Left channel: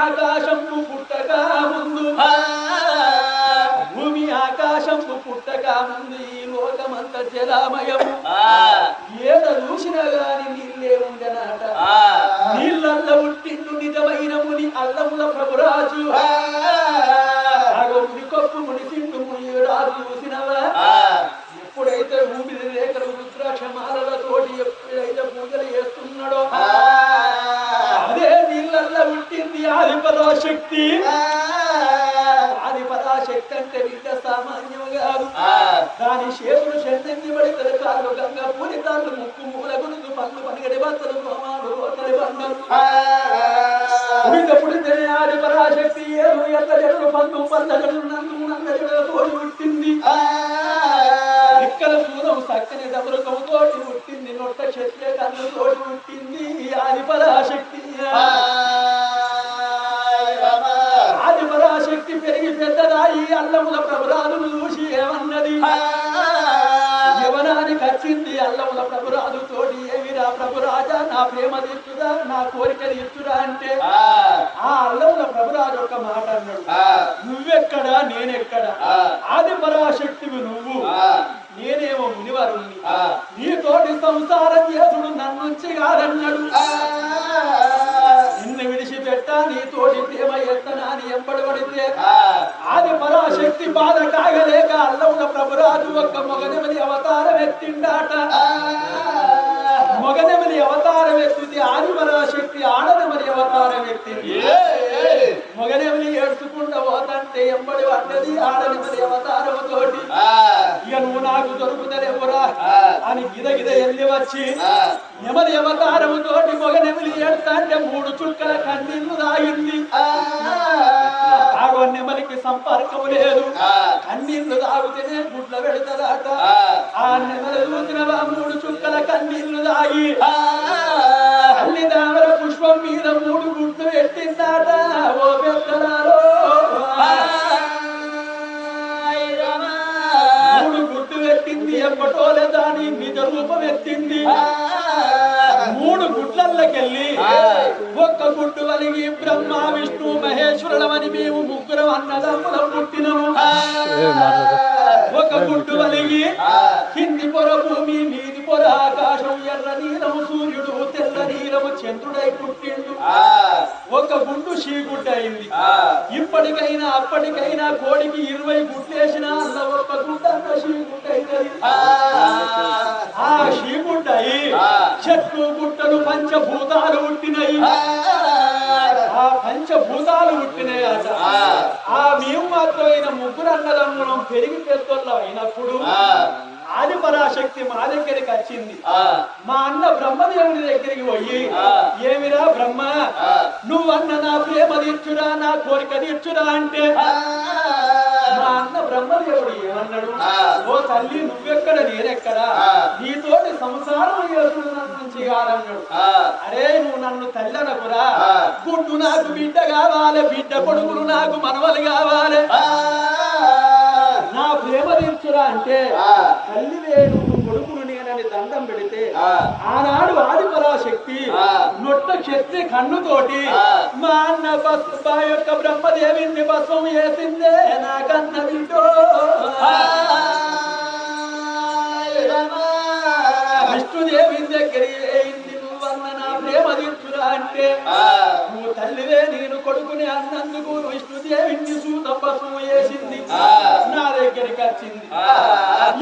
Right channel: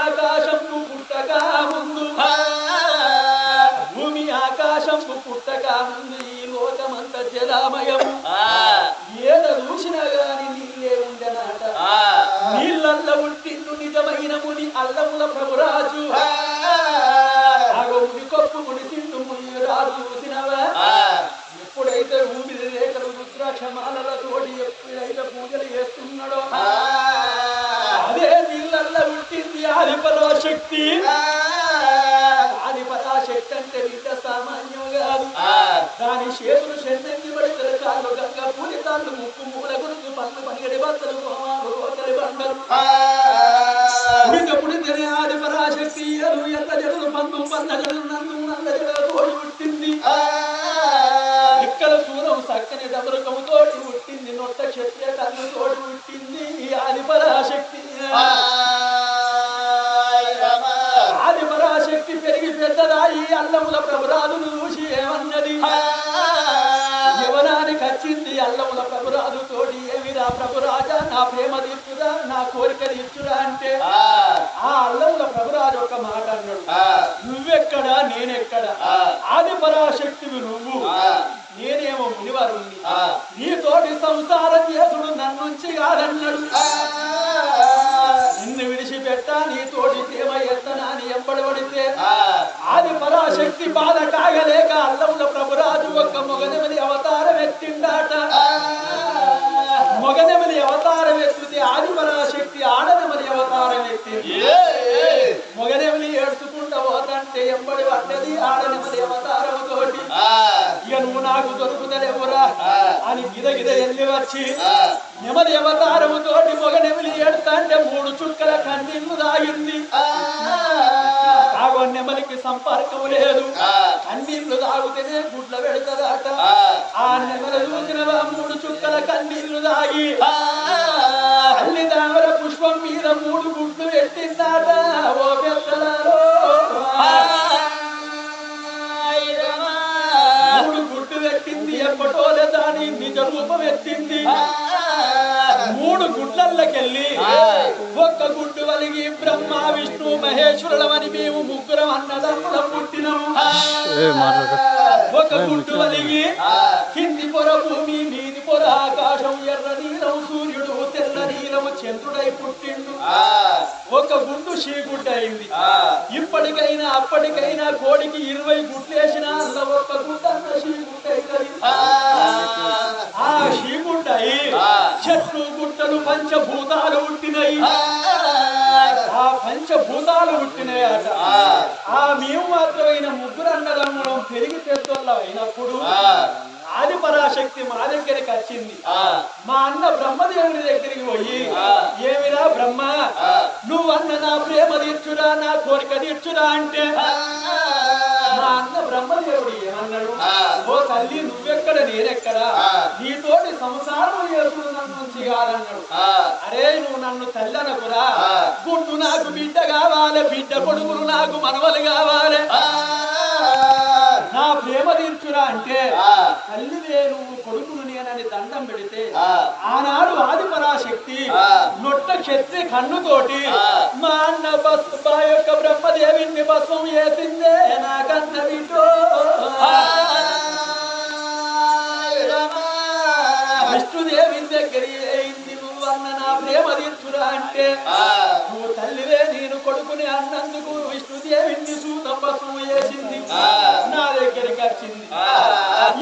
ఆకాశంపు పుట్టక ముందు. భూమి ఆకాశంపు పుట్టక ముందు ఈ లోకమంత జలామయము. ఏడ చూసినా గాని నీళ్ళే ఉండనాట. నీళ్ళల్ల ఉట్టిండు నిజమైన ముని అల్లముల ప్రభురాజు. ముని కొప్పు ముని తిండు ముని రాజు చూసినవా? ఎప్పుడైతే ఊపిరి రేఖలు రుద్రాక్షమాలతోటి ఎప్పుడైతే పూజలు చేస్తున్నాడో ఆది పరాశక్తి ఆది పరాశక్తి అంటే బిడ్డ సామాన్యం కాదు. దాని చేతులు షెడ్డంగి పడితలు కాళ్ళు గంగ పూరి తాళ్ళు ముక్కు మూల గురుసు పళ్ళు పనిగడి బత్తలు గోమాలు పుడిత పుడితేనే ఆది పరాశక్తి ఏరు ఎల్ల జడలు నల్ల జడలు తోడి పుట్టింది ఇక్కడ సూరం చక్కని డబరుకము తోటి పుట్టింది నొట్ట క్షత్రియ కన్ను తోటి పుట్టింది ఆది పరాశక్తి ఆది పరాశక్తి పెరిగి పెద్దదాయి అల్లముల ప్రభురాదును చూసి ఏమన్నది? యవనానికి వచ్చింది అల్లముల ప్రభురాదు తోటి ఏమిరా ప్రభురాజా? నా ప్రేమ తీర్చురా నా కోరిక తీర్చురా అంటే? ఆ. అల్లముల ప్రభురాజు ఒక మాట అన్నాడు. నువ్వెక్కడా నేనెక్కడా? ఆది పరాశక్తివి నువ్వు. నేనేమో మునివరుణ్ణి. నీతోటి సంసారం చేసుడు నన్నుంచి కాదన్నాడు. విడిచిపెట్టా నీతోటి ప్రేమ ఎత్తనా అని ఎంబడి పడితే. ఆది పరాశక్తి బాధ కాగలేక అల్లముల ప్రభురాజు ఒక్క మొగనెమలి అవతారం ఎత్తిండాట. మొగనెమలి అవతారం ఎత్తితే ఆది పరాశక్తి ఆడనెమలి అవతారం ఎత్తింది. పోతంటే ఎంబడి పడ్డది ఆడనెమలి అవతారము తోటి ఇక నువ్వు నాకు దొరుకుతలేవురా అని గిద గిద ఎల్లి వచ్చి నెమలి అవతారము తోటి మొగ నెమలి ఏడుతాంటే మూడు చుక్కల కన్నీళ్ళు తాగింది ఆగో నెమలికి సంపర్కం లేదు కన్నీళ్ళు తాగితేనే గుడ్ల పెడతారట ఆ. నెమలి చూసినవా మూడు చుక్కల కన్నీళ్ళు తాగి. తల్లి దామర పుష్పం మీద మూడు గుడ్లు పెట్టిందాట. ఓ పెద్దలారో. మూడు గుడ్డు పెట్టింది ఎప్పటోలే దాని నిజ రూపం ఎత్తింది మూడు గుడ్లకెళ్ళి ఒక్క గుడ్డు వలిగి బ్రహ్మ విష్ణు మహేశ్వరులమని మేము ముగ్గురం అన్నదమ్ములం పుట్టినము. ఒక గుడ్డు వలిగి కింది పొర భూమి మీది ఆకాశం ఎర్ర నీలము సూర్యుడు తెల్ల నీలము చంద్రుడై పుట్టిండు. ఒక గుడ్డు షీగుడ్డ అయింది ఇప్పటికైనా అప్పటికైనా కోడికి ఇరవై గుడ్లేసినా అల్ల ఒక్క గుడ్డ ఆ. షీగుడ్డ అయి చెట్లు గుట్టలు పంచభూతాలు పుట్టినయి ఆ. పంచభూతాలు పుట్టినాయట ఆ. మేము మాత్రమైన ముగ్గురు అన్నదమ్ములం పెరిగి పెద్దోళ్ళం అయినప్పుడు ఆది పరాశక్తి మా దగ్గరికి వచ్చింది. మా అన్న బ్రహ్మదేవుని దగ్గరికి పోయి ఏమిరా బ్రహ్మ? నువ్వన్న నా ప్రేమ తీర్చురా నా కోరిక తీర్చురా అంటే మా అన్న బ్రహ్మదేవుడు ఏమన్నాడు? ఓ తల్లి నువ్వెక్కడ? నేనెక్కడ? నీతోటి సంసారం చేసుడు నన్ను కాదన్నాడు అరే నువ్వు నన్ను తల్లి అనకురా గుడ్డు నాకు బిడ్డ కావాలి బిడ్డ కొడుకులు నాకు మనవలు కావాలి. నా ప్రేమ తీర్చురా అంటే తల్లి నేను కొడుకును నేనని దండం పెడితే ఆనాడు ఆది పరాశక్తి నొట్ట క్షత్రి కన్నుతోటి మా అన్న బస్ బా యొక్క బ్రహ్మదేవిని భస్మం వేసిందే నాకన్న బిడ్డో విష్ణుదేవి దగ్గర నువ్వన్న నా ప్రేమ తీర్చురా అంటే నువ్వు తల్లివే నేను కొడుకుని అన్నందుకు విష్ణుదేవిని సూత భస్మం వేసింది నా దగ్గరికి వచ్చింది.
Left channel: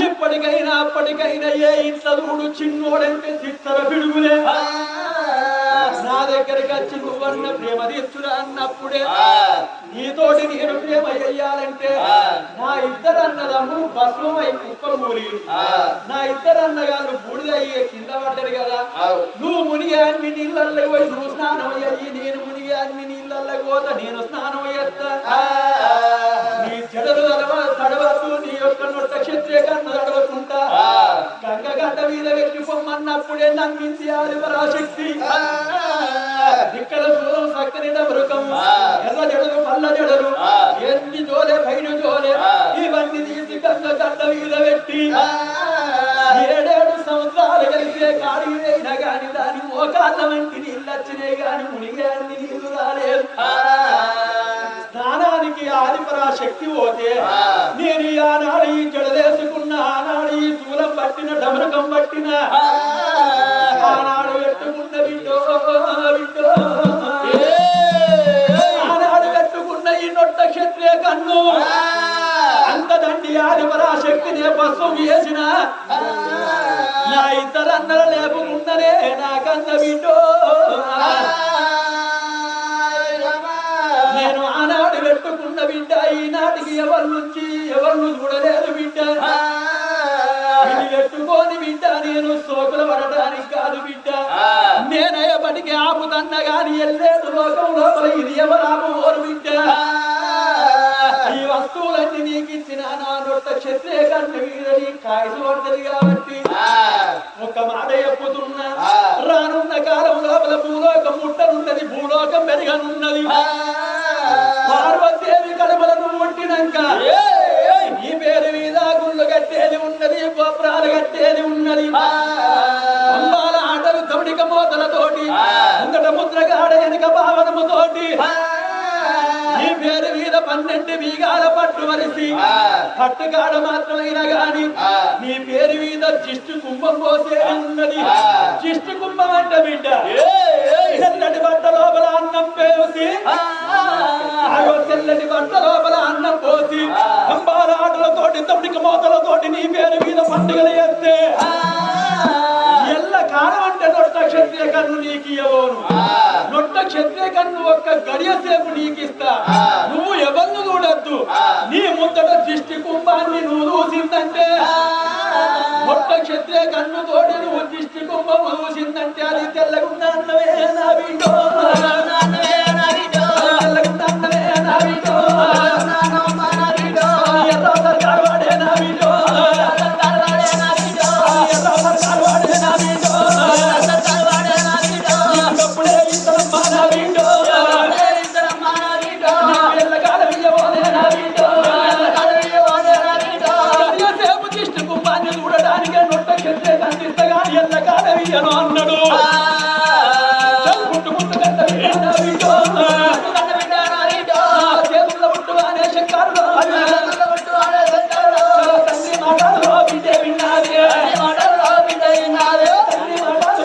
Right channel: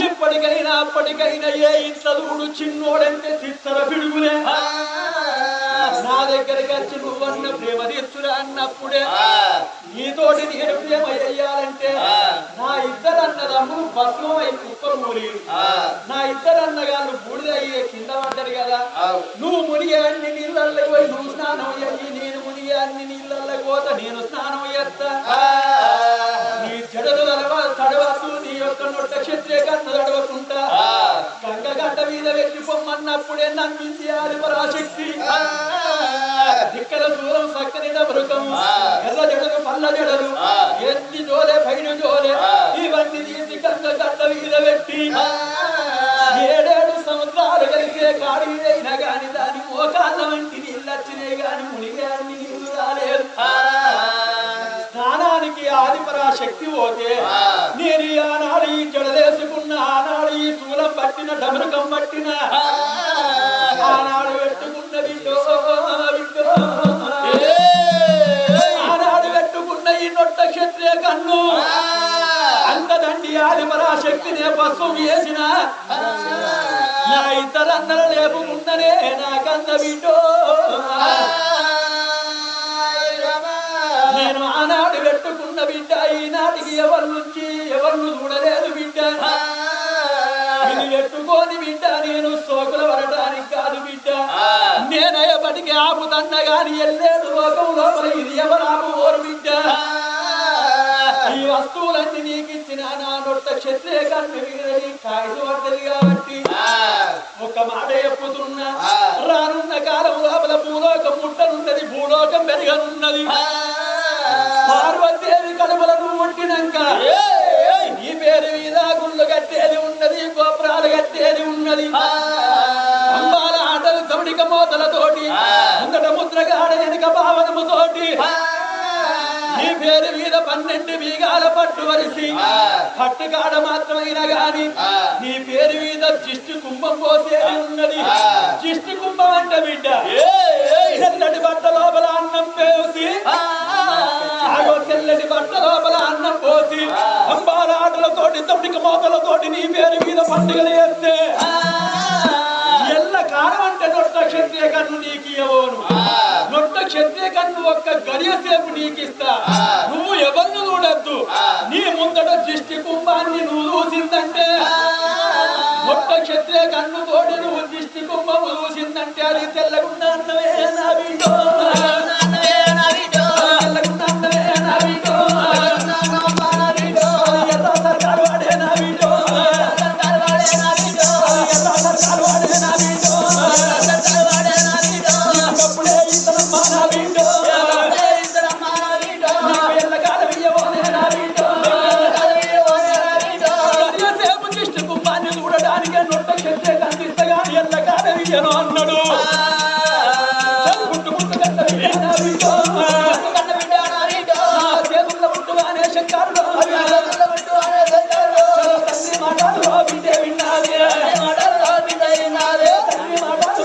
ఇప్పటికైనా అప్పటికైనా ఏ ఇంట్లో చూడు చిన్నోడంటే చిత్తర పిడుగులే. నా దగ్గరికి వచ్చి నువ్వన్న ప్రేమ తీర్చురా అన్నప్పుడే నీతోటి నేను ప్రేమ చెయ్యాలంటే నా ఇద్దరు అన్నదమ్ములు భస్మమై కుప్పకూలీరు నా ఇద్దరు అన్నగాళ్ళు బూడిదయ్యే కింద పడ్డారు కదా. నువ్వు మునిగే అన్ని నీళ్ళల్లో పోయి నువ్వు స్నానం అయ్యి నేను అన్ని నీళ్ళల్లో పోతా నేను స్నానం చేస్తా. నీ జడలు తడవ నీ యొక్క నొట్ట క్షత్రియ కన్ను తడవకుంటా. గంగ గడ్డ మీద పెట్టి పొమ్మన్నప్పుడే నమ్మింది ఆది పరాశక్తి ఇక్కడ దూరం సక్కని డబరుకం ఎర్ర జడలు పల్ల జడలు. ఎన్ని జోలే పైన జోలే. ఇవన్నీ తీసి గంగ గడ్డ మీద పెట్టి ఏడేడు సంవత్సరాలు కలిసే కాడి అయినా గాని దాని మోకాళ్ళ వంటి నీళ్ళు వచ్చినాయి గాని మునిగే అన్ని నీళ్ళు రాలేదు శక్తి పోతే. నేను ఆనాడు ఈ జడలేసుకున్న ఆనాడు ఈ శూలం పట్టిన డమరకం పట్టిన ఆనాడు పెట్టుకున్న విండో విండో ఆనాడు పెట్టుకున్న ఈ నొట్ట క్షత్రియ కన్ను అంత దండి ఆది పరాశక్తినే పశ్వం వేసిన నా ఇద్దరు అన్నల లేపుకున్ననే నా కన్న విండో నేను ఆనాడు పెట్టుకున్న బిడ్డ ఈనాటికి ఎవరి నుంచి ఎవరిని చూడలేదు బిడ్డ. ఇది పెట్టుకోని బిడ్డ నేను సోకుల పడటానికి కాదు బిడ్డ. నేనయ్యప్పటికి ఆపుతన్న గాని ఎల్లేడు లోకం లోపల ఇది ఎవరాపు ఓరు బిడ్డ. ఈ వస్తువులన్నీ నీకు ఇచ్చిన నా నొట్ట క్షత్రియ కన్ను వీరని కాయలు పడ్డది కాబట్టి ఒక మాట చెప్పుతున్నా. రానున్న కాలం లోపల భూలోకం ముట్టనున్నది భూలోకం పెరగనున్నది. పార్వతీదేవి కడుపులను ఉంటినాక నీ పేరు మీద గుళ్ళు కట్టేది ఉన్నది గోపురాలు కట్టేది ఉన్నది. అంబాల ఆటలు తమిడిక మోతలతోటి ముందట ముద్రగాడ వెనుక భావనముతోటి. నీ పేరు మీద పన్నెండు బీగాల పట్టు వరిసి పట్టుకాడ మాత్రమైనా గాని నీ పేరు మీద జిష్టి కుంభం పోసేది ఉన్నది. జిష్టి కుంభం అంటే బిడ్డ. తెల్లటి బట్ట లోపల అన్నం పోసి తెల్లటి బట్ట లోపల అన్నం పోసి అంబాల ఆటలతోటి తమిడిక మోతలతోటి నీ పేరు మీద పండుగలు చేస్తే ఎల్ల కాలం అంటే నొట్ట క్షత్రియ కన్ను నీకు ఇవ్వను నొట్ట క్షత్రియ కన్ను ఒక్క గడియ సేపు నీకు ఇస్తా నువ్వు ఎవరిని చూడద్దు. నీ ముందట దిష్టి కుంభాన్ని నువ్వు చూసిందంటే నొట్ట క్షత్రియ కన్ను తోటి నువ్వు దిష్టి కుంభము చూసిందంటే అది తెల్లగుండా అన్నవే నా బిడ్డో చూడడానికి నొట్ట క్షత్రే కనిపిస్తగా ఎల్లకాలం ఇయ్యను అన్నాడు. చల్ పుట్టుకుంటు కట్ట చేతుల్లో శంకారుడు. తండ్రి మాటలు విన్నాది. మాటలు విన్నాది? తండ్రి మాటలు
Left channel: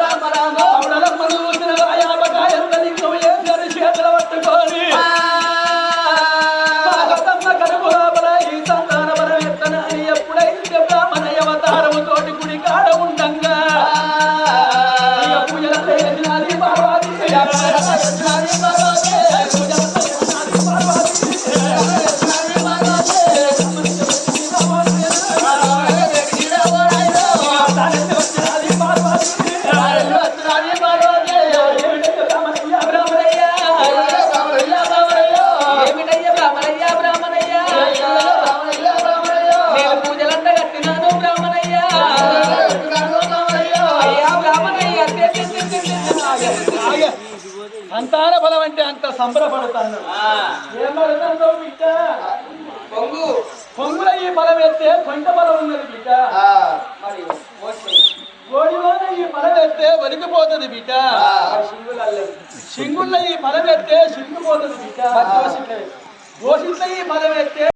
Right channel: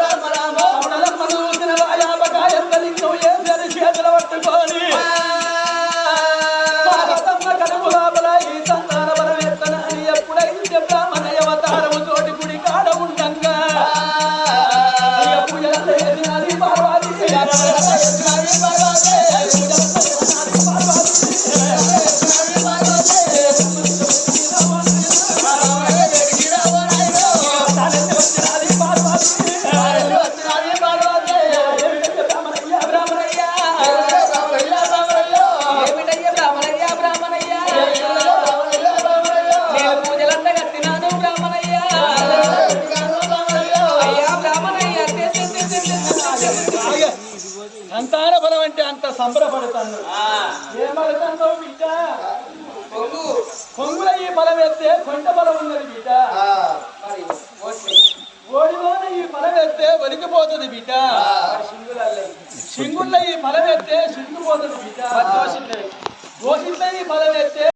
రామ రామ సౌడలమ్మను చూసిన యాపకాయ అంత లింగం ఏసారి చేతుల పట్టుకొని పార్వతమ్మ కడుపు లోపల ఈ సంతాన పరమెత్తన అని ఎప్పుడైతే బ్రాహ్మణ అవతారము తోటి గుడి కాడ ఉండంగా ఇక పార్వతి సంతాన బలం అంటే అంత సంబరపడతాను. ఏం పడతావు బిడ్డ? పొంగు. కొంగుల ఈ బలం ఎత్తే కొంట బలం ఉన్నది బిడ్డ. ఓడిలోనే ఈ బలం ఎత్తే ఒలికిపోతుంది బిడ్డ. సింగుల్లో ఈ బలం ఎత్తే సింగిపోతుంది బిడ్డ. దోషిట్ల ఈ బలం ఎత్తే